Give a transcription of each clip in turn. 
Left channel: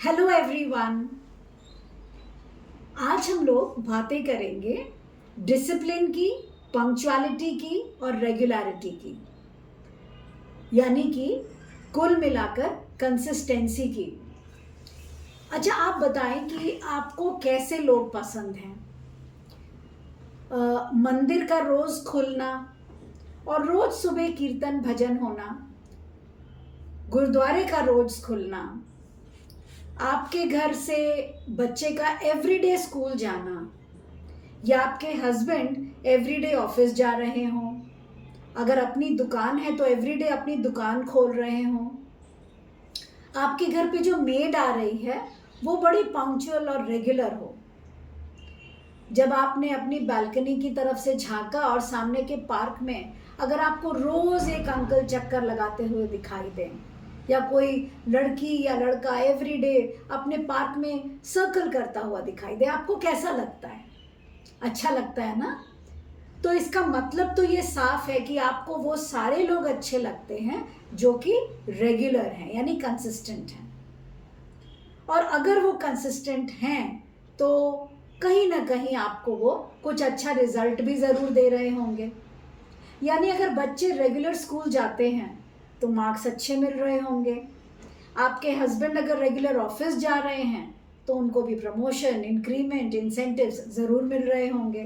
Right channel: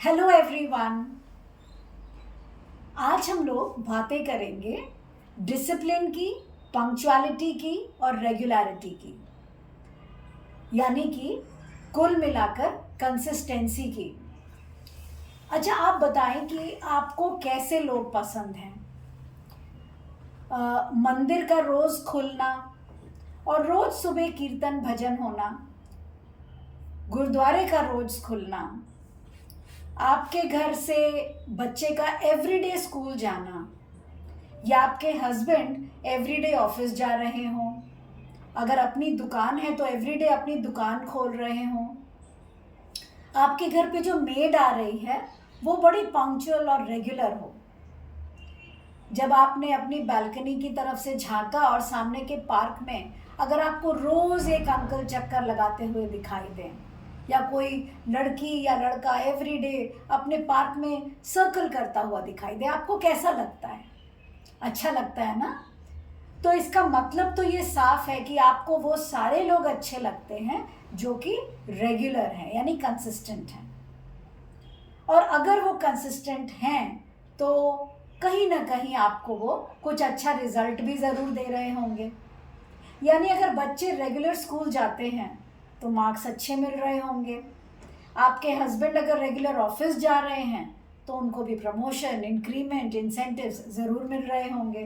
Hello everyone. आज हम लोग बातें करेंगे डिसिप्लिन की, पंक्चुअलिटी की और रेगुलरिटी की, यानी कि कुल मिलाकर कंसिस्टेंसी की। अच्छा, आप बताएं कि आपको कैसे लोग पसंद हैं? मंदिर का रोज खुलना और रोज सुबह कीर्तन भजन होना, गुरुद्वारे का रोज खुलना, आपके घर से बच्चे का एवरीडे स्कूल जाना, या आपके हस्बैंड एवरीडे ऑफिस जा रहे हों, अगर अपनी दुकान है तो एवरीडे अपनी दुकान खोल रहे हों, आपके घर पे जो मेड आ रही है वो बड़ी पंक्चुअल और रेगुलर हो, जब आपने अपनी बालकनी की तरफ से झांका और सामने के पार्क में अगर आपको रोज एक अंकल चक्कर लगाते हुए दिखाई दें, या कोई लड़की या लड़का एवरीडे अपने पार्क में सर्कल करता हुआ दिखाई दे, आपको कैसा लगता है? अच्छा लगता है ना? तो इसका मतलब तो ये साफ है कि आपको वो सारे लोग अच्छे लगते हैं जो कि रेगुलर हैं, यानी कंसिस्टेंट हैं। और अगर वो कंसिस्टेंट हैं तो कहीं ना कहीं आपको वो कुछ अच्छा रिजल्ट भी ज़रूर दे रहे होंगे। यानी अगर बच्चे रेगुलर स्कूल जाते हैं तो मार्क्स अच्छे मिल रहे होंगे। आपके हस्बैंड अगर रेगुलर ऑफिस जा रहे हैं तो उनको भी प्रमोशन, इंक्रीमेंट, इंसेंटिव्स ज़रूर मिल रहे होंगे।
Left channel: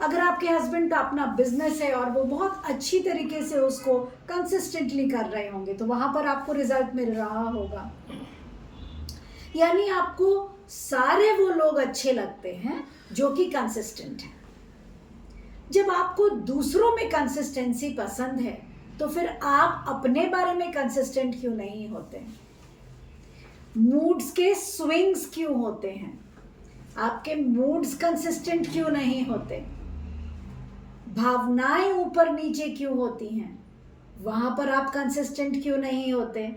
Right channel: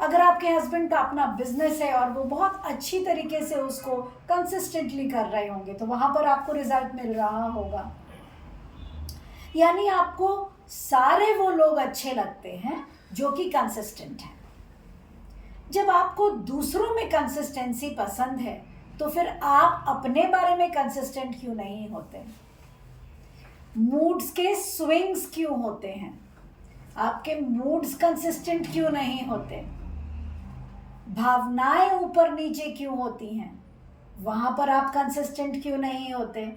अगर आपके हस्बैंड का अपना बिजनेस है और वो बहुत अच्छी तरीके से उसको कंसिस्टेंटली कर रहे होंगे तो वहाँ पर आपको रिजल्ट मिल रहा होगा। यानी आपको सारे वो लोग अच्छे लगते हैं जो कि कंसिस्टेंट हैं। जब आपको दूसरों में कंसिस्टेंसी पसंद है तो फिर आप अपने बारे में कंसिस्टेंट क्यों नहीं होते? मूड्स के स्विंग्स क्यों होते हैं? आपके मूड्स कंसिस्टेंट क्यों नहीं होते? भावनाएं ऊपर नीचे क्यों होती हैं? वहां पर आप कंसिस्टेंट क्यों नहीं होते?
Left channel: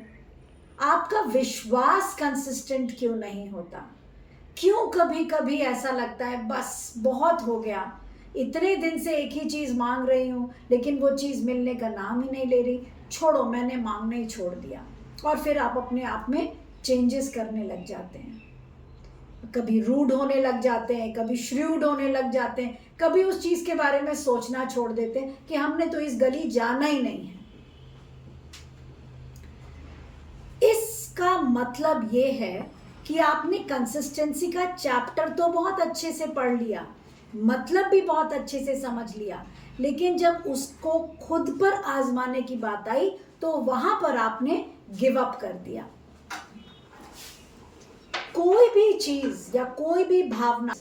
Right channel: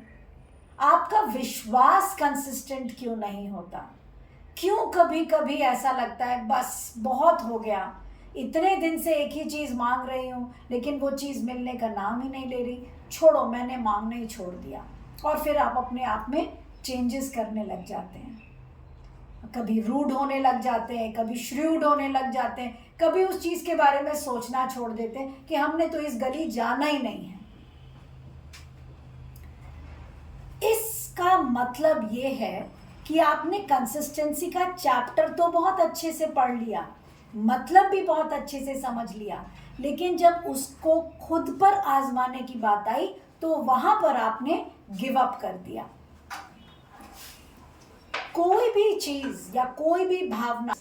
आपका विश्वास कंसिस्टेंट क्यों नहीं होता? क्यों कभी कभी ऐसा लगता है बस बहुत हो गया, इतने दिन से एक ही चीज़ मांग रही हूँ लेकिन वो चीज़ मिलने का नाम ही नहीं ले रही, छोड़ो, मैंने मांगना ही छोड़ दिया। और फिर आप अपने आप में चेंजेस करने लग जाते हैं। कभी रूड होने लग जाते हैं, कभी श्रूड होने लग जाते हैं, कभी उस चीज़ के बारे में सोचना छोड़ देते हैं कि हमने तो इस गली जाना ही नहीं है। इसका मतलब ये है कि आपने कंसिस्टेंसी का चैप्टर तो बहुत अच्छे से पढ़ लिया, मतलब भी बहुत अच्छे से समझ लिया, लेकिन जब उसको खुद पर आजमाने की बात आई तो वहां पर आपने गिव अप कर दिया। कोई भी चीज या कोई भी भावना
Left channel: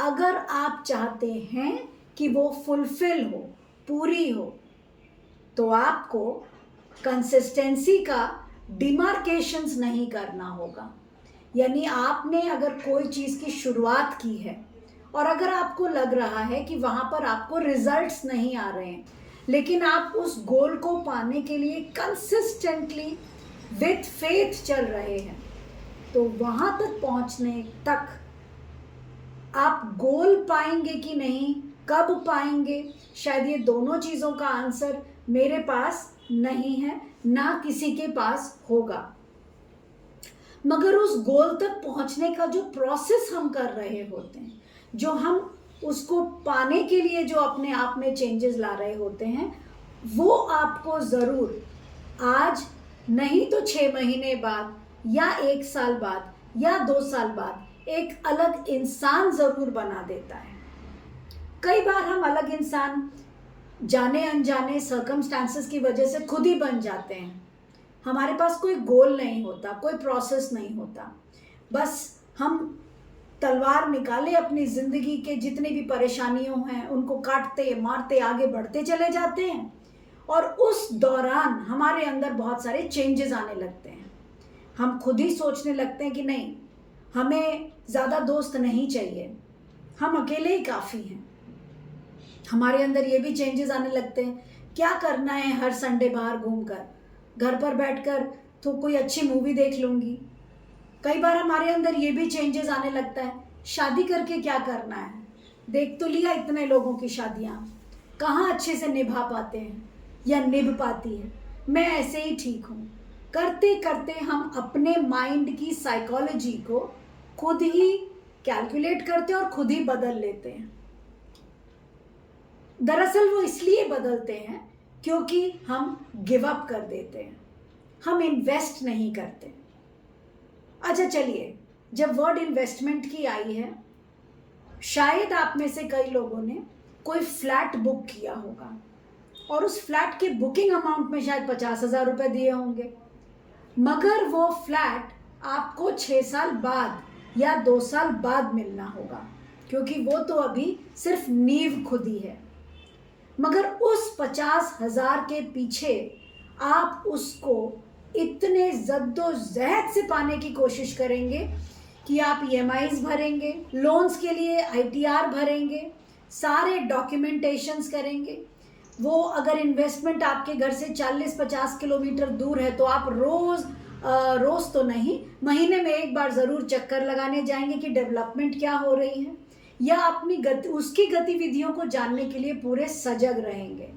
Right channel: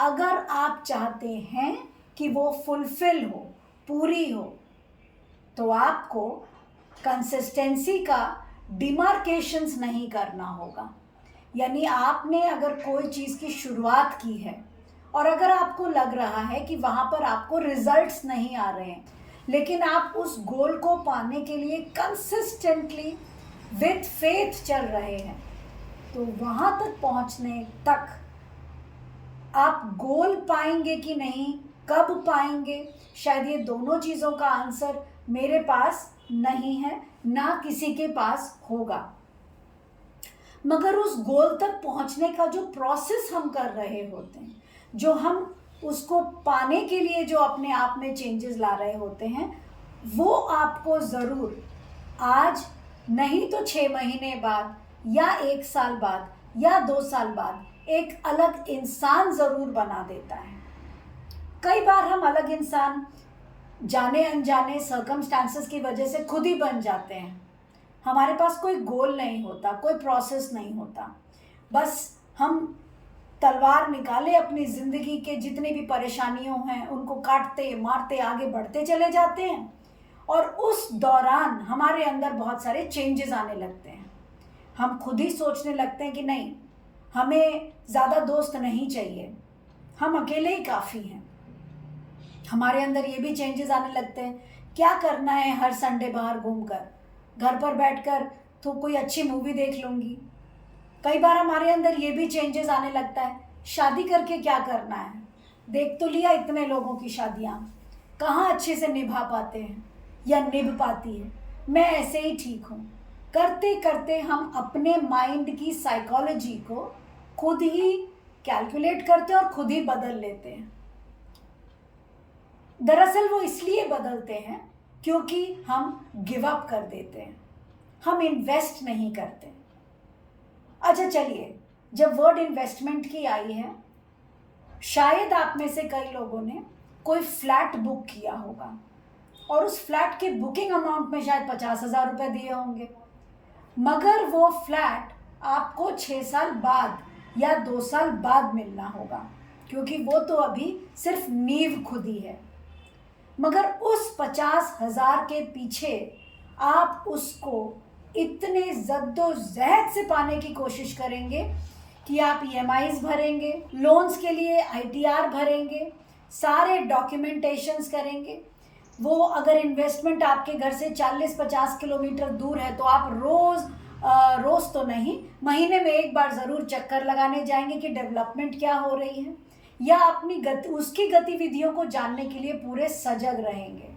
अगर आप चाहते हैं कि वो फुलफिल हो, पूरी हो, तो आपको कंसिस्टेंसी का डिमार्केशंस नहीं करना होगा। यानी आपने अगर कोई चीज़ की शुरुआत की है और अगर आपको लग रहा है कि वहाँ पर आपको रिजल्ट्स नहीं आ रहे हैं, लेकिन आप उस गोल को पाने के लिए कंसिस्टेंटली विथ फेथ चल रहे हैं, तो वहाँ तक पहुँचने तक आप गोल पाएंगे कि नहीं, कब पाएंगे, शायद ये दोनों चीज़ों का आंसर मेरे पास नहीं है, ना किसी के पास होगा। मगर उस गोल तक पहुंचने का जो प्रोसेस हम कर रहे होते हैं, जो हम उसको पाने के लिए जो अपने आप में चेंजेस ला रहे होते हैं, वो आपको ज़रूर आज नहीं तो 6 महीने बाद या 1 साल बाद या 2 साल बाद एक अलग इंसान ज़रूर बना देता है। कई बार हम अलग इंसान जाने अनजाने सर्कमस्टांसेस की वजह से खुद ही बन जाते हैं। हमारे पास कोई गोल नहीं होता, कोई प्रोसेस नहीं होता, बस हम तलवार निकाले अपनी ज़िंदगी के जितनी भी परेशानियों हैं उनको काटते मारते आगे बढ़ते चले जाते हैं, और उस दौरान हमारे अंदर बहुत सारे चेंजेस आने लगते हैं। हम खुद ही सोचने लगते हैं कि नहीं, हमें ज़्यादा दोस्त नहीं चाहिए, हम अकेले ही काफ़ी हैं। हमारे अंदर ये भी चेंजेस आने लगते हैं, क्या करना है हर संडे बाहर घूमकर, घर पर बैठकर तो कोई अच्छी मूवी देख लूँगी। कई बार हमारे अंदर ये भी चेंजेस आने लगता है, शादी करके क्या करना है, देख तो लिया इतने लोगों की शादियाँ, कहाँ अच्छे से निभा पाते हैं या निभ पाती है, मैं ऐसे ही ठीक हूँ। करते करते हम अपने माइंड की साइकोलॉजी को खुद ही कैलकुलेट करते हैं और खुद ही बदल लेते हैं। दरअसल वो इसलिए बदलते हैं क्योंकि हम गिव अप कर देते हैं, हम इन्वेस्ट नहीं करते। अच्छा चलिए, जब वर्ड इन्वेस्टमेंट की आई है, शायद आप में से कई लोगों ने कोई फ्लैट बुक किया होगा और उस फ्लैट के बुकिंग अमाउंट में शायद 50,000 रुपये दिए होंगे, मगर वो फ्लैट आपको 6 साल बाद या 2 साल बाद मिलना होगा, क्योंकि वो तो अभी सिर्फ नींव खुदी है। मगर उस 50,000 के पीछे आप उसको इतने जद्दोजहद से पाने की कोशिश करेंगे कि आप EMIs भरेंगे, लोन्स के लिए ITR भरेंगे, सारे डॉक्यूमेंटेशंस करेंगे। वो अगर इन्वेस्टमेंट आपके घर से 40-50 किलोमीटर दूर है तो आप रोज़ तो नहीं, महीने में एक बार ज़रूर चक्कर लगाने जाएंगे कि डेवलपमेंट क्या हो रही है, या अपनी उसकी गतिविधियों को जानने के लिए पूरे सजग रहेंगे।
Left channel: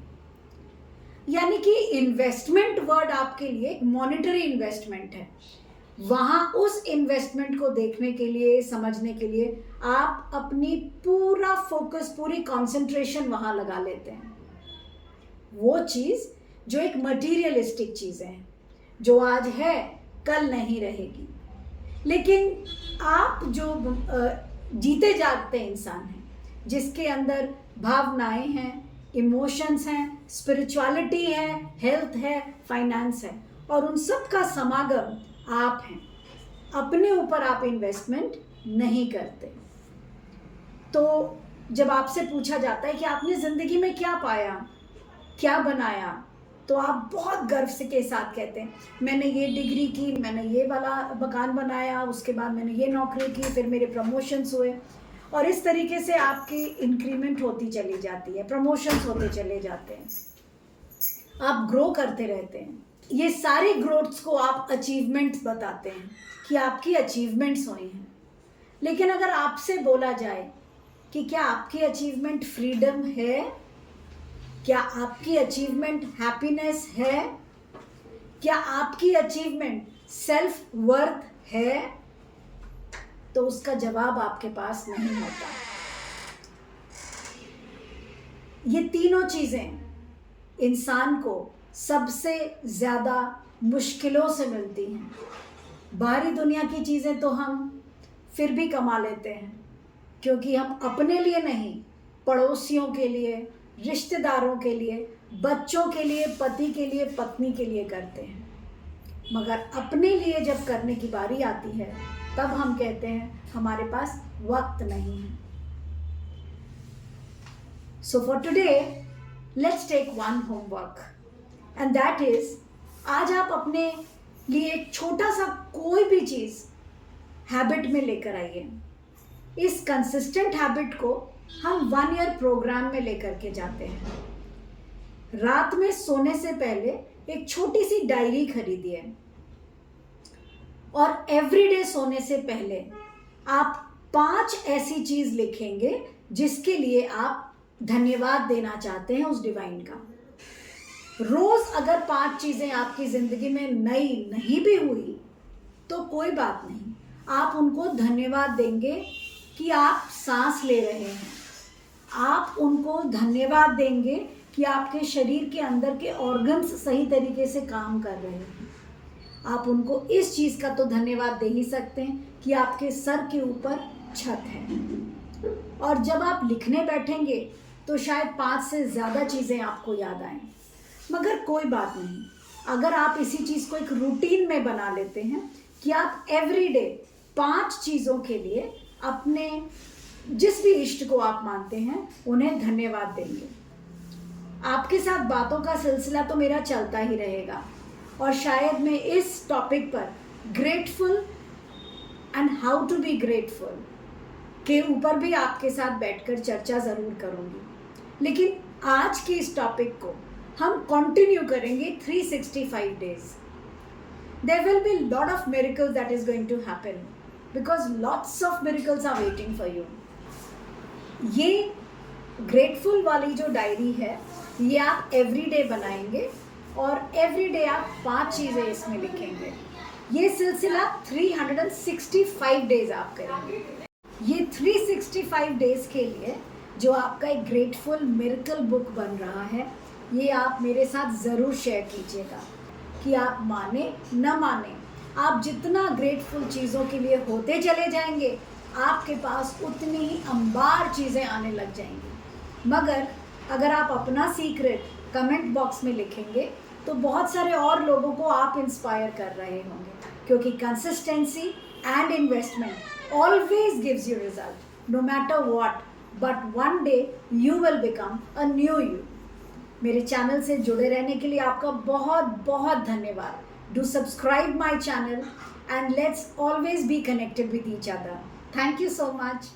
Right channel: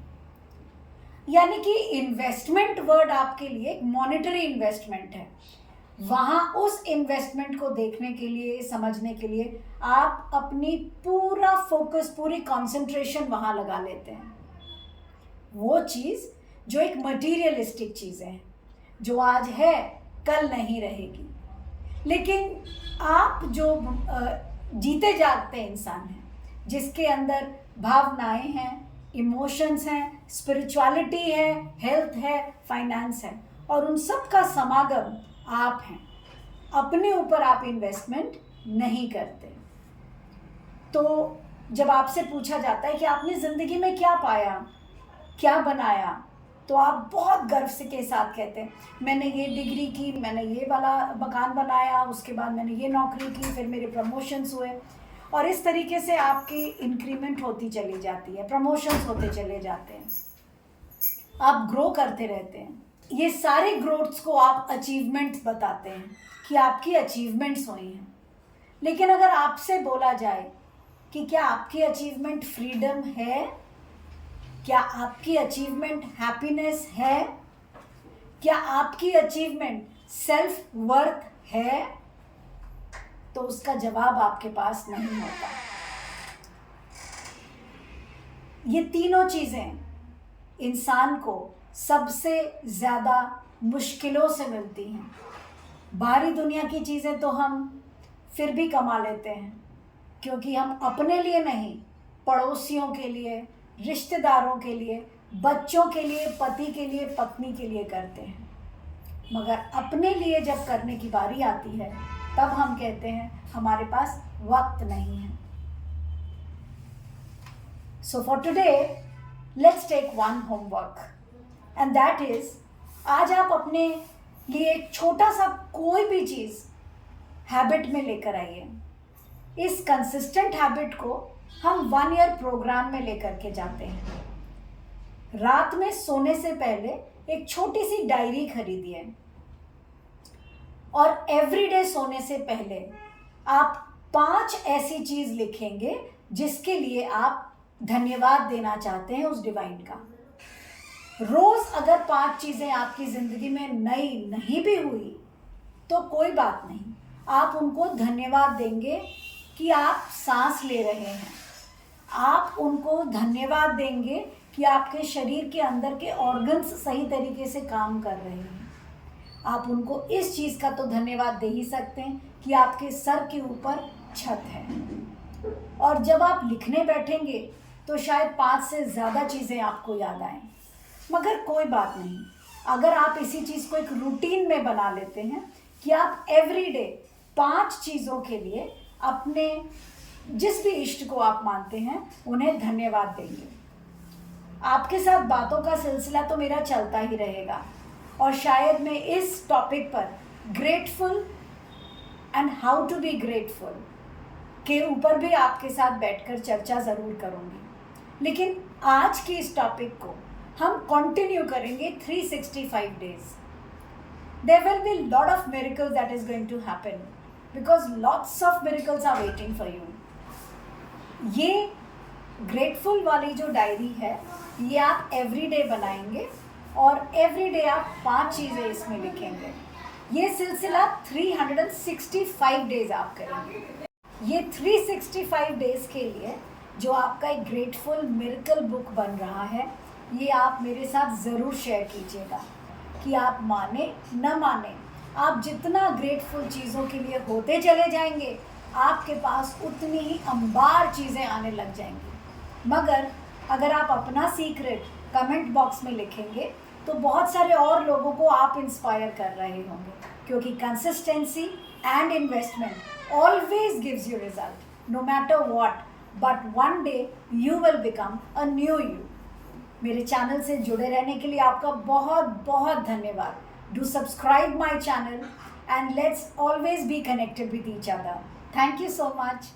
यानी कि इन्वेस्टमेंट वर्ड आपके लिए एक मॉनेटरी इन्वेस्टमेंट है। वहाँ उस इन्वेस्टमेंट को देखने के लिए, समझने के लिए आप अपनी पूरा फोकस, पूरी कंसंट्रेशन वहाँ लगा लेते हैं। वो चीज़ जो एक मटीरियलिस्टिक चीज़ें हैं, जो आज है कल नहीं रहेगी। लेकिन आप जो जीते जागते इंसान हैं, जिसके अंदर भावनाएं हैं, इमोशंस हैं, स्पिरिचुअलिटी है, हेल्थ है, फाइनेंस है, और उन सब का समागम आप हैं। अपने ऊपर आप इन्वेस्टमेंट नहीं करते। तो जब आपसे पूछा जाता है कि आपने ज़िंदगी में क्या पाया, क्या बनाया, तो आप बहुत गर्व से के साथ कहते हैं, मैंने ये डिग्री की, मैंने ये वाला मकान बनाया, उसके बाद मैंने ये नौकरी की, फिर मेरे प्रमोशंस हुए, और इस तरीके से आपकी इंक्रीमेंट होती चली जाती है, प्रमोशंस होते चले जाते हैं, आप ग्रो करते रहते हैं। ये सारे ग्रोथ्स को आप अचीवमेंट्स बताते हैं कि आपकी अचीवमेंट्स हुई हैं। लेकिन अगर आपसे बोला जाए कि क्या आपकी अचीवमेंट फ्रीडम है, क्या आपकी अचीवमेंट हैप्पीनेस है, क्या आपकी अचीवमेंट सेल्फ वर्थ है, तो उसका जवाब आपके पास नहीं होता। ये तीनों चीज़ें इंसान को सबसे ज़्यादा मुश्किलों से मिलती हैं। बाहरी दुनिया की चीज़ें तो हम फिर भी कमा लेते हैं, क्योंकि हम अपने लिए नहीं, पड़ोसियों के लिए, रिश्तेदारों के लिए, बच्चों के लिए, पति के लिए, पत्नी के लिए करते हैं। मगर अपने लिए जब करने की बारी आती है, तब हम कहते हैं हमारे पास वक्त नहीं है। So for today let's take one homework, and that is, आज आप अपने लिए एक छोटा सा कोई भी चीज़ हैबिट में लेकर आइए। इस कंसिस्टेंट हैबिट को हम 1 ईयर प्रोग्राम में लेकर के जाते हैं। रात में सोने से पहले एक छोटी सी डायरी खरीदिए, और एवरीडे सोने से पहले आप 5 ऐसी चीज़ लिखेंगे जिसके लिए आप धन्यवाद देना चाहते हैं उस डिवाइन का। रोज़ अगर 5 चीज़ें आपकी ज़िंदगी में नई नहीं भी हुई तो कोई बात नहीं, आप उनको धन्यवाद देंगे कि आप सांस ले रहे हैं। आप उनको धन्यवाद देंगे कि आपके शरीर के अंदर के ऑर्गन्स सही तरीके से काम कर रहे हैं। आप उनको इस चीज़ का तो धन्यवाद दे ही सकते हैं कि आपके सर के ऊपर छत है। और जब आप लिखने बैठेंगे तो शायद 5 से ज़्यादा चीज़ें आपको याद आएं, मगर कोई बात नहीं, अगर आप इसी चीज़ को एक रूटीन में बना लेते हैं कि आप एवरीडे 5 चीज़ों के लिए अपने जिस भी इष्ट को आप मानते हैं उन्हें धन्यवाद देंगे। आपके साथ बातों का सिलसिला तो मेरा चलता ही रहेगा, और शायद मैं इस टॉपिक पर grateful and how to be grateful के ऊपर भी आपके साथ बैठकर चर्चा ज़रूर करूँगी। लेकिन आज की इस टॉपिक को हम कंटिन्यू करेंगे 365 days. There will be a lot of miracles that is going to happen, because lots of miracles are waiting for you. ये ग्रेटफुल वाली जो डायरी है, ये आप एवरीडे बनाएंगे, और एवरी डे आप 5 चीज़ें इसमें लिखेंगे। ये सिलसिला 365 डेज आप करेंगे। ये 365 डेज के लिए जो आपका एक ग्रेटफुल मिरेकल बुक बन रहा है, ये आप मेरे साथ ज़रूर शेयर कीजिएगा कि आप माने न माने, आप जितना ग्रेटफुल चीज़ों के लिए होते चले जाएंगे, आपके पास उतनी ही अंबार चीज़ें आने लग जाएंगी। मगर अगर आप अपना सीक्रेट कमेंट बॉक्स में लिखेंगे तो बहुत सारे और लोगों को आप इंस्पायर कर रहे होंगे, क्योंकि consistency and investment always gives you result no matter what, but one day you will become a new you. मेरे चैनल से जुड़े रहने के लिए आपका बहुत बहुत धन्यवाद। Do subscribe my channel and let's always be connected with each other. Thank you so much.